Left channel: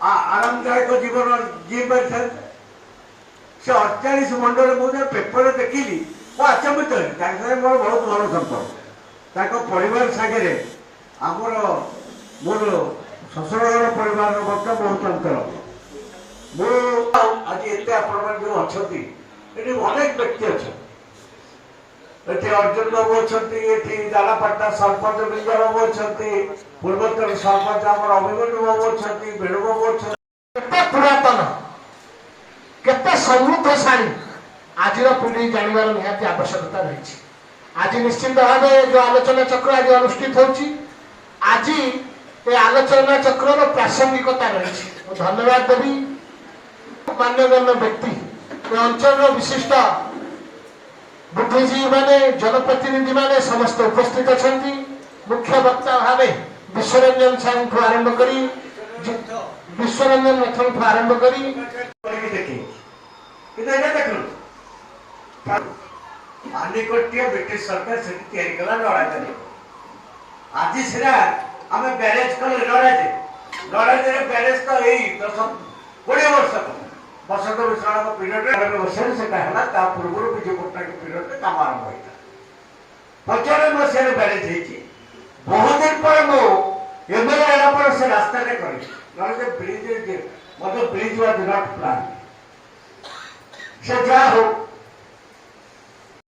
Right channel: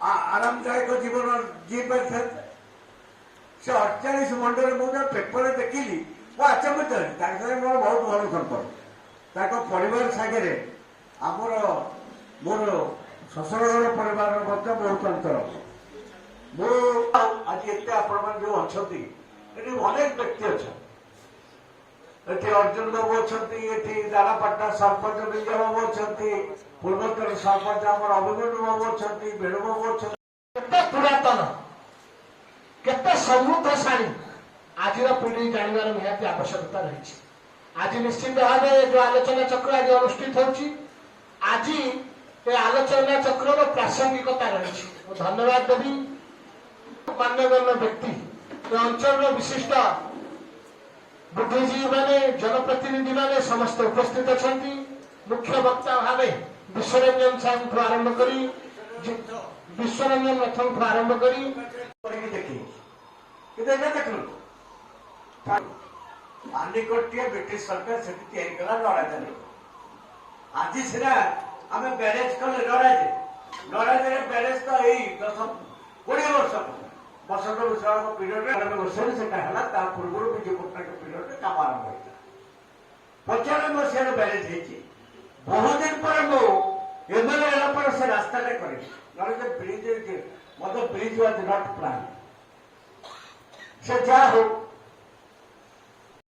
आरामदायक जीवन जी पारि से 48 मंडल मुझे पेपर देखिली आचंबित मोर बहुत भल संपर्क परिवार सागे आमर मोर शशुर घर परिवार बहुत अंतर आज एत आप जो अच्छा अनेक व्यक्ति अच्छा ये अर्जुन बाबू अच्छा ये दालापाटा सरपंच विजय बाबू अच्छा पूर्वोत्तर सरपंच आम अभिमन्यु बाबू अच्छा वेणु बाबू अच्छा पुरातन केते समृद्धशाली आज पीढ़ी जानवर निहाती आवश्यकता रही। आज निश्चित भाव जो आलोचना चक्र आज अनुष्ठित होची आज ये आलोचना चक्र प्रासंगिकता रही। धन्यवाद देवी मान्यगण्य व्यक्ति अंचल विशिष्ट बुद्धिजीवी माने जनप्रतिनिधि माने समस्त उपस्थित अच्छा मुख्य वक्ता भाव विश्वरंजन साहू आरंभ करी विश्वरंजन रथ आरंभ करी मानिकोटिया ब्रिटिश सरकार से तैयारी कला लड़ाई आज सीधा आम बैरेज कल लड़ाई बैरेज तो यही 10-20 वर्ष बसंत विश्राम पीरियड से पूर्व विजय पट्टनायक पीरियड कम आरंभ होता 95 मसीह बैरेज बहुत दिन पर मुझे से रास्ता कर ब्रिज मतलब ब्रिज वाज नॉट प्लान से जा हो